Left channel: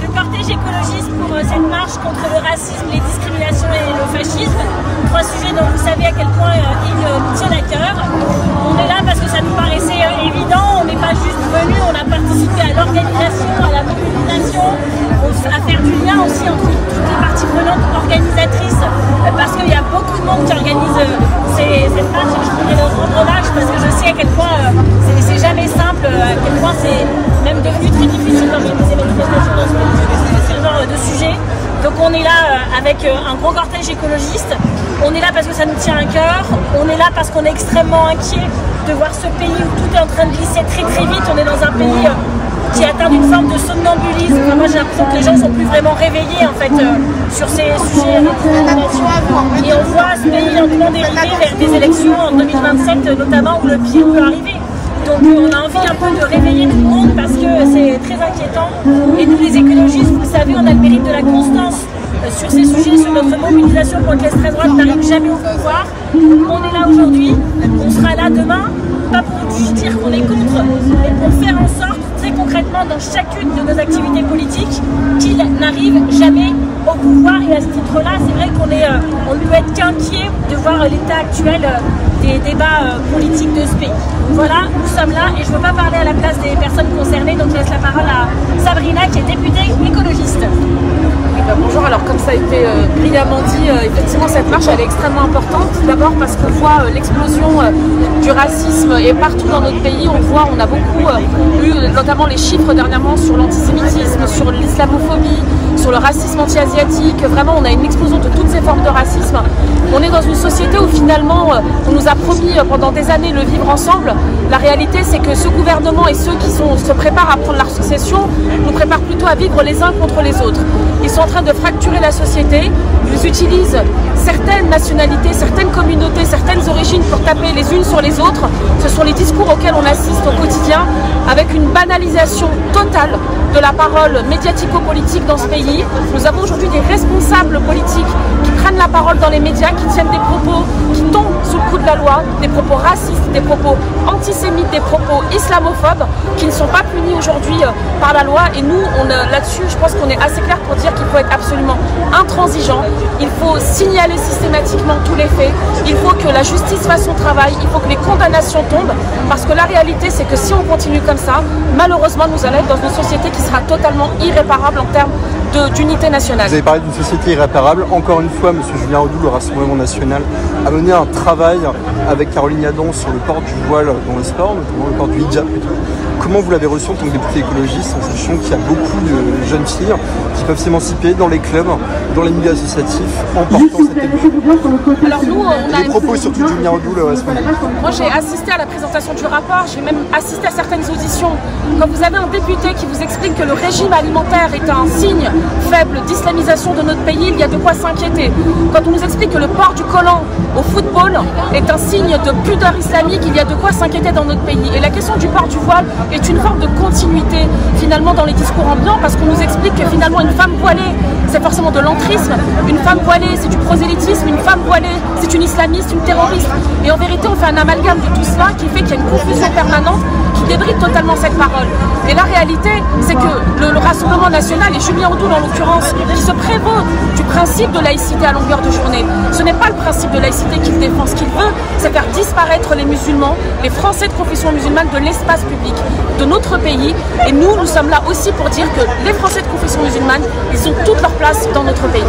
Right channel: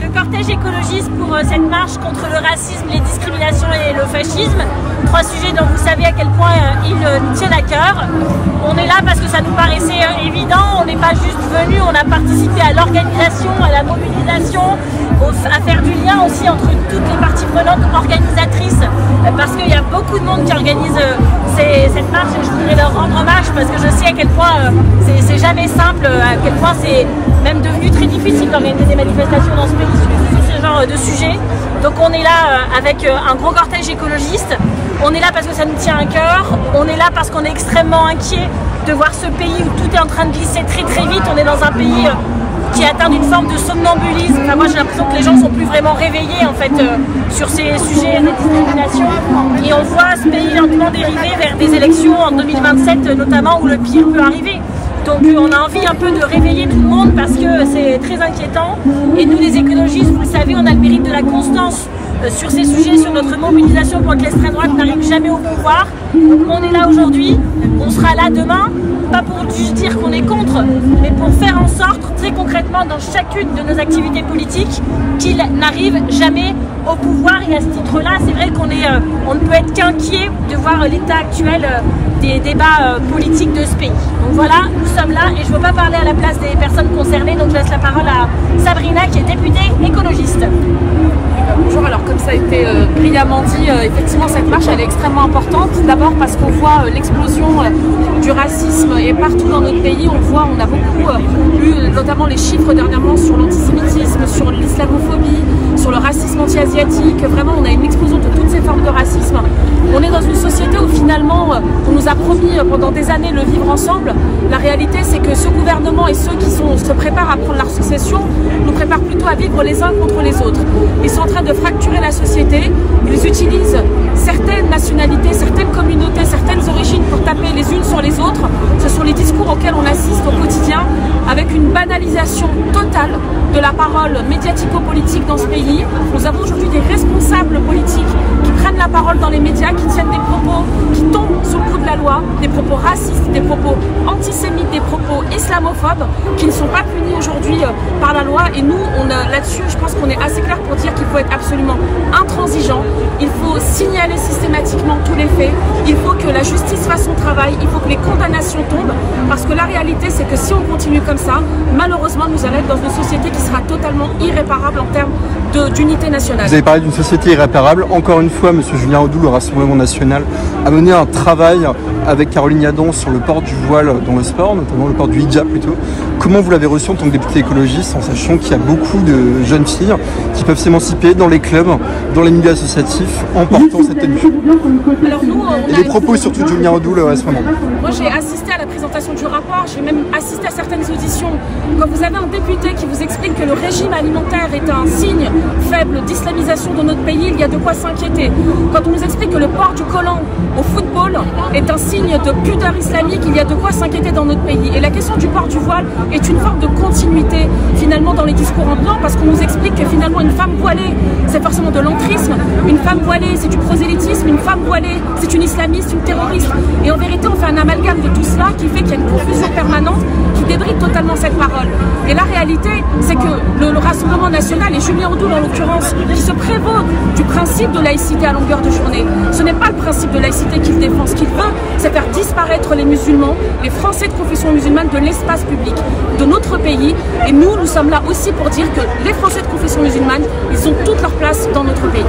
le cortège écologiste pour cette marche contre le racisme, les discriminations et le fascisme. 3 sujets dont vous savez à quel point ils nous tiennent à cœur. On est là parce que ça nous paraissait évident, on n'est pas juste venu, on a participé à l'organisation, à la mobilisation, à faire du lien aussi entre toutes les parties prenantes organisatrices, parce qu'il y a beaucoup de monde qui organise cette marche, et je voudrais leur rendre hommage parce que je sais à quel point c'est jamais simple, à quel point c'est même devenu très difficile d'organiser des manifestations dans ce pays sur ce genre de sujet. Donc on est là avec un gros cortège écologiste, on est là parce que ça nous tient à cœur, on est là parce qu'on est extrêmement inquiet de voir ce pays où tout est en train de glisser très très vite. On est dans un pays qui est atteint d'une forme de somnambulisme. Enfin, moi j'ai l'impression que les gens sont plus vraiment réveillés en fait sur ces sujets de discrimination. Et on voit ce pays lentement dériver vers des élections en 2027 notamment où le pire peut arriver. Donc on a envie un peu de réveiller tout le monde parce que c'est très inquiétant. Et nous les écologistes, vous le savez, on a le mérite de la constance sur ces sujets, sur notre mobilisation pour que l'extrême droite n'arrive jamais au pouvoir. Donc on est là aujourd'hui, on sera là demain, pas pour juste dire qu'on est contre, mais pour faire en sorte très concrètement dans chacune de nos activités politiques qu'ils n'arrivent jamais au pouvoir. Et à ce titre-là, c'est vrai qu'on ne peut être qu'inquiet de voir l'état actuel des débats politiques de ce pays. Donc voilà, nous sommes là et je ne veux pas parler à la place des personnes concernées, donc je laisse la parole à Sabrina qui est députée écologiste. Bonjour, alors comme ça a été brillamment dit, effectivement cette marche elle est extrêmement importante. D'abord parce qu'on voit l'explosion du racisme et partout dans notre pays, on a beaucoup eu notamment les chiffres dernièrement sur l'antisémitisme, sur l'islamophobie, sur le racisme anti-asiatique. Vraiment on a une explosion de toutes ces formes de racisme. On est dans une société où finalement on nous a promis pendant des années le vivre ensemble. La réalité c'est que ce gouvernement et ceux qui se préparent à prendre la succession nous préparent plutôt à vivre les uns contre les autres. Ils sont en train de fracturer la société, ils utilisent certaines nationalités, certaines communautés, certaines origines pour taper les unes sur les autres. Ce sont les discours auxquels on assiste au quotidien, avec une banalisation totale de la parole médiatico-politique dans ce pays. Nous avons aujourd'hui des responsables politiques qui prennent la parole dans les médias, qui tiennent des propos qui tombent sous le coup de la loi, des propos racistes, des propos antisémites, des propos islamophobes, qui ne sont pas punis aujourd'hui par la loi. Et nous, là-dessus, je pense qu'on est assez clair pour dire qu'il faut être absolument intransigeant, il faut signaler systématiquement tous les faits, il faut que la justice fasse son travail, il faut que les condamnations tombent, parce que la réalité c'est que si on continue comme ça, malheureusement nous allons être dans une société qui sera totalement irréparable en termes d'unité nationale. Vous avez parlé d'une société irréparable. Encore une fois, M. Julien Audoux, le Rassemblement national, a mené un travail avec Caroline Yadan sur le port du voile dans le sport, notamment le port du hijab plutôt. Comment vous l'avez reçu en tant que député écologiste, en sachant qu'il y a beaucoup de jeunes filles qui peuvent s'émanciper dans les clubs, dans les milieux associatifs? Alors nous, on a... propos surtout de Julien Audoux, le responsable. Moi j'ai assisté à la présentation du rapport, j'ai même assisté à certaines auditions. Quand vous avez un député qui vous explique que le régime alimentaire est un signe faible d'islamisation de notre pays, il y a de quoi s'inquiéter. Quand on nous explique que le port du collant au football est un signe de pudeur islamique, il y a de quoi s'inquiéter dans notre pays. Et la question du port du voile est une forme de continuité finalement dans les discours ambiants, parce qu'on nous explique que finalement une femme voilée c'est forcément de l'entrisme, une femme voilée c'est du prosélytisme, une femme voilée c'est une islamiste, une terroriste. Et en vérité on fait un amalgame de tout cela qui fait qu'il y a une confusion permanente qui débride totalement cette parole. Et la réalité c'est que le Rassemblement national et Julien Audoux dans l'occurrence qui se prévaut du principe de laïcité à longueur de journée, ce n'est pas le principe de laïcité qu'il défend. Ce qu'il veut c'est faire disparaître les musulmans, les Français de confession musulmane de l'espace public de notre pays. Et nous sommes là aussi pour dire que les Français de confession musulmane, ils ont toute leur place dans notre pays.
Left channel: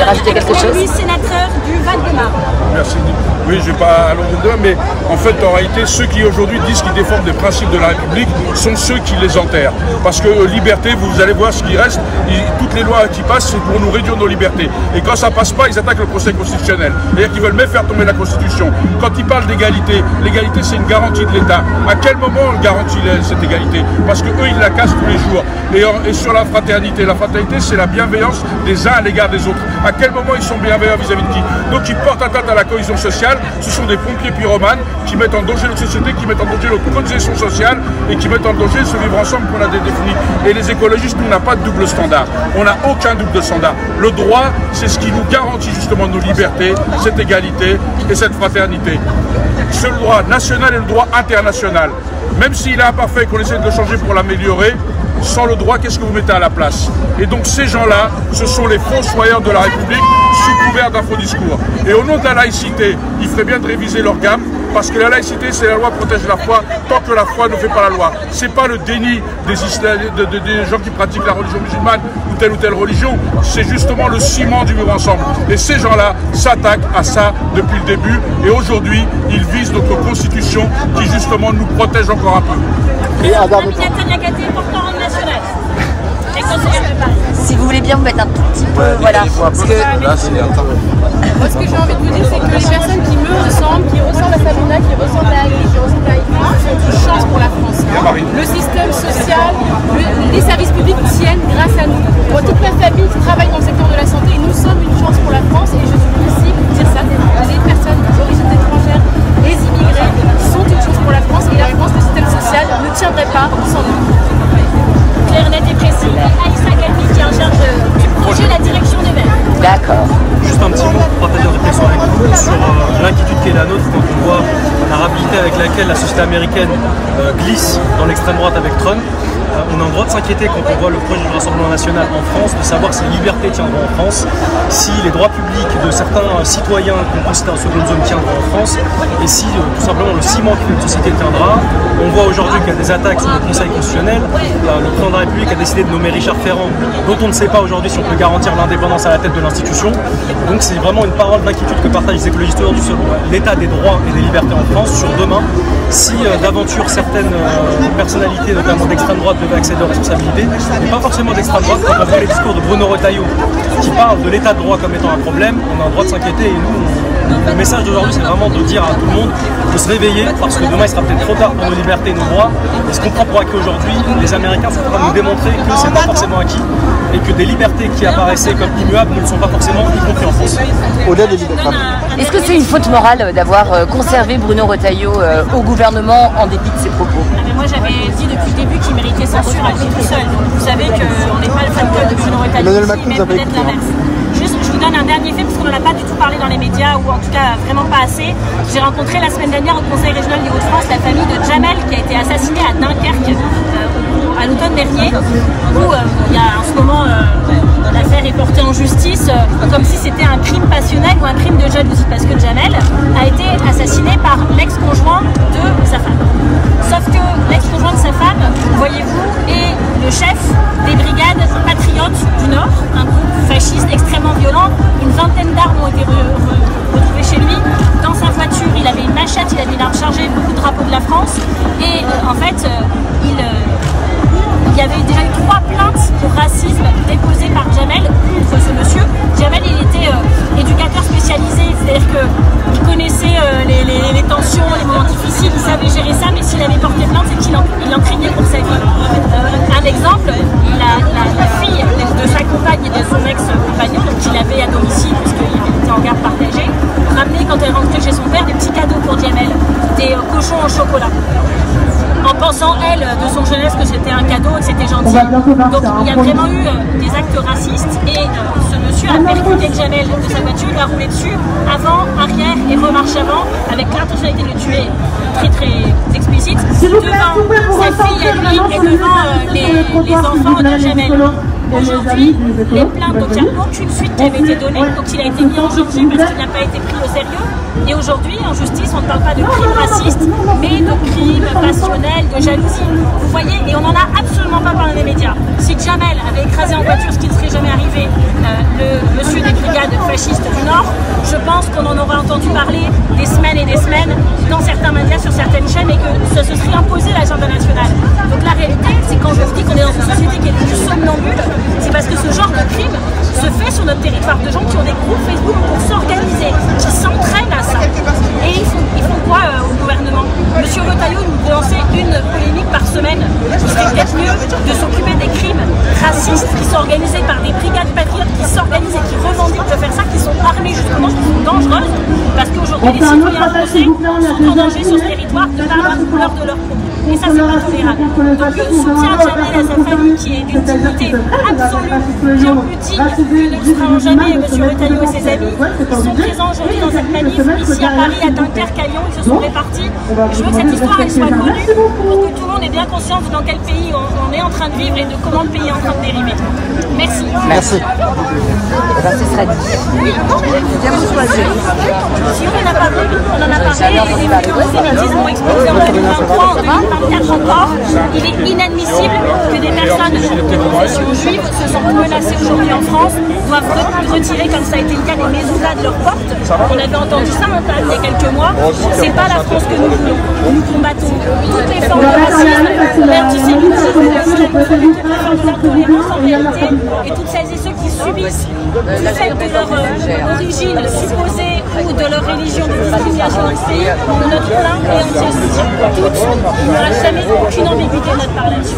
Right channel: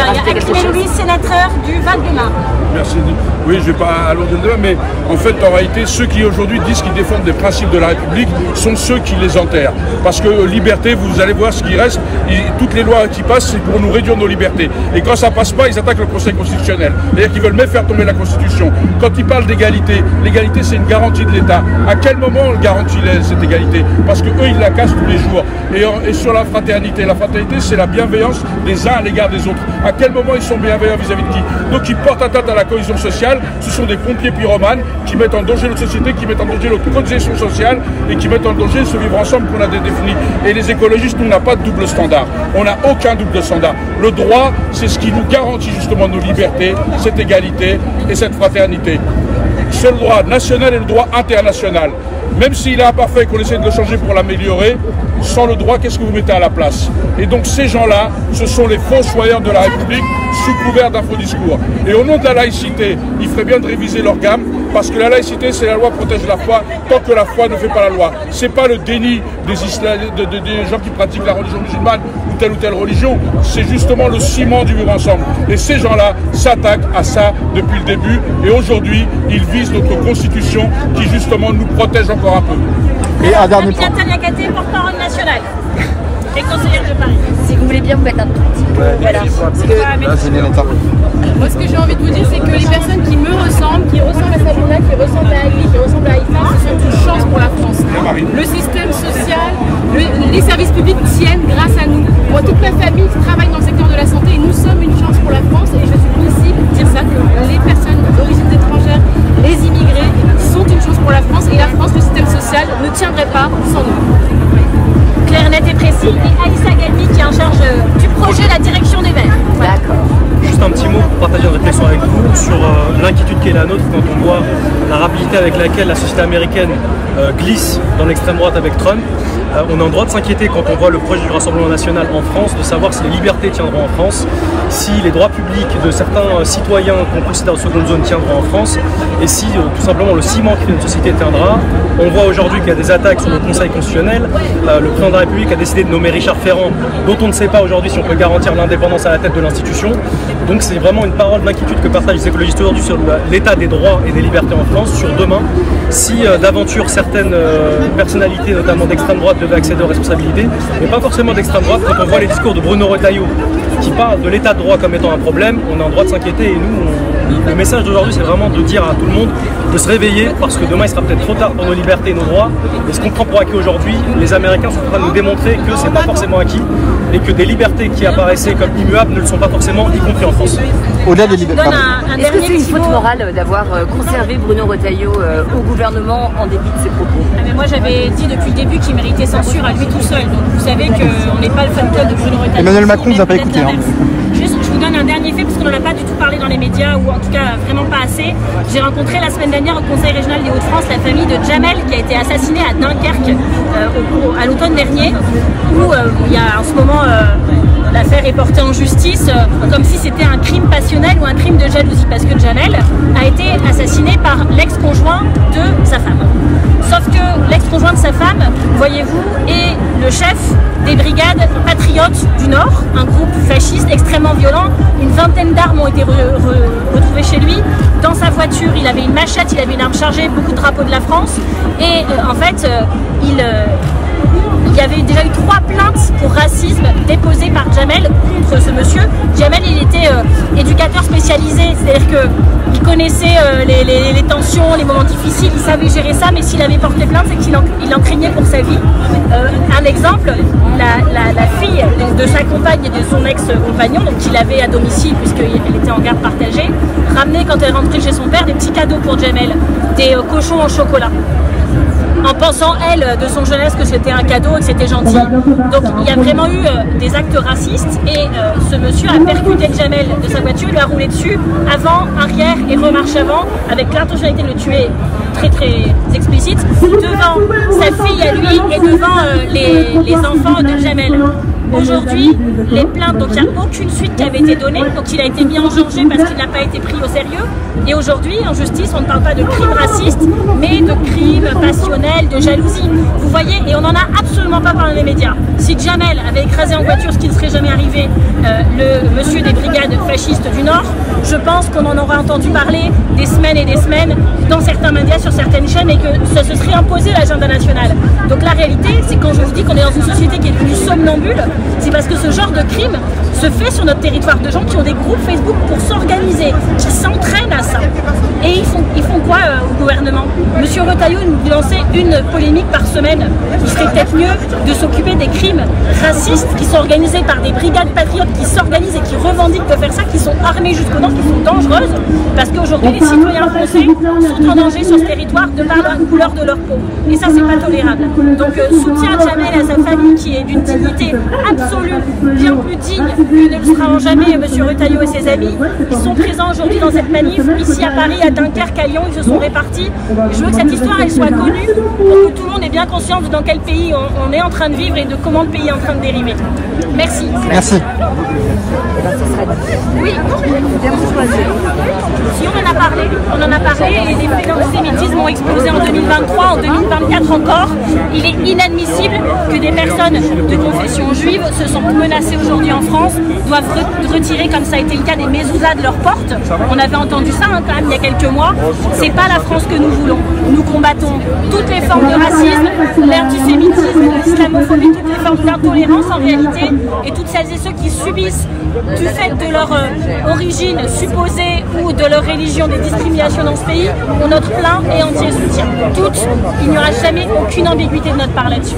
Alors, Louis, sénateur du Val-de-Marne. Merci. Oui, je ne vais pas aller au débat, mais en fait, en réalité, ceux qui aujourd'hui disent qu'ils défendent des principes de la République sont ceux qui les enterrent. Parce que liberté, vous allez voir ce qui reste, toutes les lois qui passent, c'est pour nous réduire nos libertés. Et quand ça passe pas, ils attaquent le Conseil constitutionnel. C'est-à-dire qu'ils veulent même faire tomber la Constitution. Quand ils parlent d'égalité, l'égalité c'est une garantie de l'État. À quel moment on garantit cette égalité? Parce que eux, ils la cassent tous les jours. Et sur la fraternité c'est la bienveillance des uns à l'égard des autres. À quel moment ils sont bienveillants vis-à-vis de qui? Donc ils portent atteinte à la cohésion sociale. Ce sont des pompiers pyromanes qui mettent en danger notre société, qui mettent en danger notre cohésion sociale et qui mettent en danger ce vivre ensemble qu'on a défini. Et les écologistes, nous, on n'a pas de double standard. On n'a aucun double standard. Le droit, c'est ce qui nous garantit justement nos libertés, cette égalité et cette fraternité. C'est le droit national et le droit international. Même s'il est imparfait, qu'on essaie de le changer pour l'améliorer, sans le droit, qu'est-ce que vous mettez à la place? Et donc ces gens-là, ce sont les fossoyeurs de la République sous couvert d'un faux discours. Et au nom de la laïcité, il ferait bien de réviser leur gamme, parce que la laïcité, c'est la loi protège la foi, tant que la foi ne fait pas la loi. C'est pas le déni des gens qui pratiquent la religion musulmane ou telle religion, c'est justement le ciment du vivre ensemble. Et ces gens-là s'attaquent à ça depuis le début, et aujourd'hui, ils visent notre constitution qui justement nous protège encore un peu. Alors, Aminata Niakhaté, porte-parole nationale. Les conseillers de Paris. Si vous voulez bien me mettre un petit peu, voilà. Moi, ce que j'ai envie de vous dire, c'est que les personnes qui me ressemblent, qui ressemblent à Sabrina, qui ressemblent à Ali, qui ressemblent à Aïfa, ce sont une chance pour la France. Le système social, les services publics tiennent grâce à nous. Moi, toute ma famille travaille dans le secteur de la santé et nous sommes une chance pour la France. Et je suis venue ici pour dire ça, que les personnes d'origine étrangère, les immigrés, sont une chance pour la France. Et la France, le système social, ne tiendrait pas sans nous. Clair, net et précis. Et Aïssa Galmi qui est en charge du projet La Direction des Verts. D'accord. Juste un petit mot pour partager une réflexion avec vous sur l'inquiétude qui est la nôtre quand on voit la rapidité avec laquelle la société américaine glisse dans l'extrême droite avec Trump. On est en droit de s'inquiéter quand on voit le projet du Rassemblement national en France, de savoir si les libertés tiendront en France, si les droits publics de certains citoyens qu'on considère en seconde zone tiendront en France, et si tout simplement le ciment qui fait notre société tiendra. On voit aujourd'hui qu'il y a des attaques sur le Conseil constitutionnel. Le président de la République a décidé de nommer Richard Ferrand, dont on ne sait pas aujourd'hui si on peut garantir l'indépendance à la tête de l'institution. Donc c'est vraiment une parole d'inquiétude que partagent les écologistes aujourd'hui sur l'état des droits et des libertés en France, sur demain. Si d'aventure certaines personnalités, notamment d'extrême droite, devaient accéder aux responsabilités, mais pas forcément d'extrême droite. Quand on voit les discours de Bruno Retailleau qui parle de l'état de droit comme étant un problème, on a en droit de s'inquiéter. Et nous, le message d'aujourd'hui, c'est vraiment de dire à tout le monde de se réveiller, parce que demain il sera peut-être trop tard pour nos libertés et nos droits. Et ce qu'on prend pour acquis aujourd'hui, les Américains sont en train de nous démontrer que c'est pas forcément acquis et que des libertés qui apparaissaient comme immuables ne le sont pas forcément, y compris en France. Est-ce que c'est une faute morale d'avoir conservé Bruno Retailleau au gouvernement en dépit de ses propos? Mais moi j'avais dit depuis le début qu'il méritait censure à lui tout seul. Donc vous savez qu'on n'est pas le fan club de Bruno Retailleau ici, même peut-être l'inverse. Juste, je vous donne un dernier fait parce qu'on n'en a pas du tout parlé dans les médias, ou en tout cas vraiment pas assez. J'ai rencontré la semaine dernière au Conseil régional des Hauts-de-France la famille de Jamel qui a été assassiné à Dunkerque à l'automne dernier, où il y a en ce moment l'affaire est portée en justice comme si c'était un crime passionnel ou un crime de jalousie, parce que Jamel a été assassiné par l'ex-conjoint de sa femme. Sauf que l'ex-conjoint de sa femme, voyez-vous, est le chef des brigades patriotes du Nord, un groupe fasciste extrêmement violent. Une vingtaine d'armes ont été retrouvées chez lui. Dans sa voiture, il avait une machette, il avait une arme chargée, beaucoup de drapeaux de la France. Et en fait, il y avait déjà eu 3 plaintes pour racisme déposées par Jamel contre ce monsieur. Jamel, il était éducateur spécialisé, c'est-à-dire qu'il connaissait les tensions, les moments difficiles, il savait gérer ça, mais s'il avait porté plainte, c'est qu'il en craignait pour sa vie. Un exemple, la fille de sa compagne et de son ex-compagnon, donc qu'il avait à domicile puisqu'elle était en garde partagée, ramenait quand elle rentrait chez son père des petits cadeaux pour Jamel, des cochons en chocolat, en pensant, elle, de son jeunesse, que c'était un cadeau et que c'était gentil. Donc il y a vraiment eu des actes racistes, et ce monsieur a percuté Jamel de sa voiture, il a roulé dessus, avant, arrière et remarche avant, avec l'intentionnalité de le tuer très très explicite, devant sa fille à lui et devant les enfants de Jamel. Aujourd'hui, les plaintes, donc il n'y a aucune suite qui avait été donnée, donc il a été mis en danger parce qu'il n'a pas été pris au sérieux. Et aujourd'hui, en justice, on ne parle pas de crimes racistes, mais de crimes passionnels, de jalousie. Vous voyez, et on n'en a absolument pas parlé dans les médias. Si Jamel avait écrasé en voiture, ce qui ne serait jamais arrivé, le monsieur des brigades fascistes du Nord, je pense qu'on en aurait entendu parler des semaines et des semaines dans certains médias, sur certaines chaînes, et que ça se serait imposé l'agenda national. Donc la réalité, c'est quand je vous dis qu'on est dans une société qui est devenue somnambule, c'est parce que ce genre de crime se fait sur notre territoire, de gens qui ont des groupes Facebook pour s'organiser, qui s'entraînent à ça. Et ils font quoi au gouvernement? Monsieur Retailleau nous lançait une polémique par semaine. Il serait peut-être mieux de s'occuper des crimes racistes qui sont organisés par des brigades patriotes qui s'organisent et qui revendiquent de faire ça, qui sont armées jusqu'aux dents, qui sont dangereuses, parce qu'aujourd'hui les citoyens français sont en danger sur ce territoire de par la couleur de leur peau. Et ça, c'est pas tolérable. Donc soutien à Jamel, à sa famille qui est d'une dignité absolue, bien plus digne que ne le seront jamais monsieur Retailleau et ses amis. Ils sont présents aujourd'hui dans cette manif, ici à Paris, à Dunkerque, à Lyon, ils se sont répartis. Je veux que cette histoire elle soit connue pour que tout le monde ait bien conscience de dans quel pays on est en train de vivre et de comment le pays est en train de dériver. Merci. Merci. Oui. Si on en a parlé, et les faits d'antisémitisme ont explosé en 2023, en 2024 encore. Il est inadmissible que des personnes de confession juive se sentent menacées aujourd'hui en France, doivent retirer, comme ça a été le cas, des mezoulas de leurs portes. On avait entendu ça quand même il y a quelques mois. C'est pas la France que nous voulons. Nous combattons toutes les formes de racisme, l'antisémitisme, l'islamophobie, toutes les formes d'intolérance en réalité, et toutes celles et ceux qui subissent du fait de leur origine supposée ou de leur religion des discriminations dans ce pays ont notre plein et entier soutien. Toutes, il n'y aura jamais aucune ambiguïté de notre part là-dessus.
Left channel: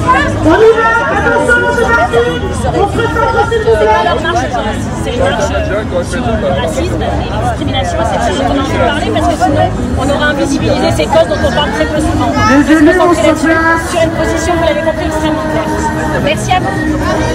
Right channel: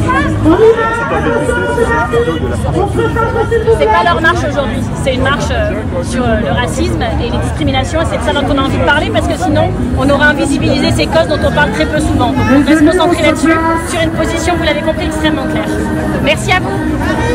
C'est pas leur marche aujourd'hui, c'est une marche sur le racisme et les discriminations, et c'est de ça dont on a envie de parler parce que sinon on aura invisibilisé ces causes dont on parle très peu souvent. Donc on va se concentrer là-dessus, sur une position, vous l'avez compris, extrêmement claire. Merci à vous.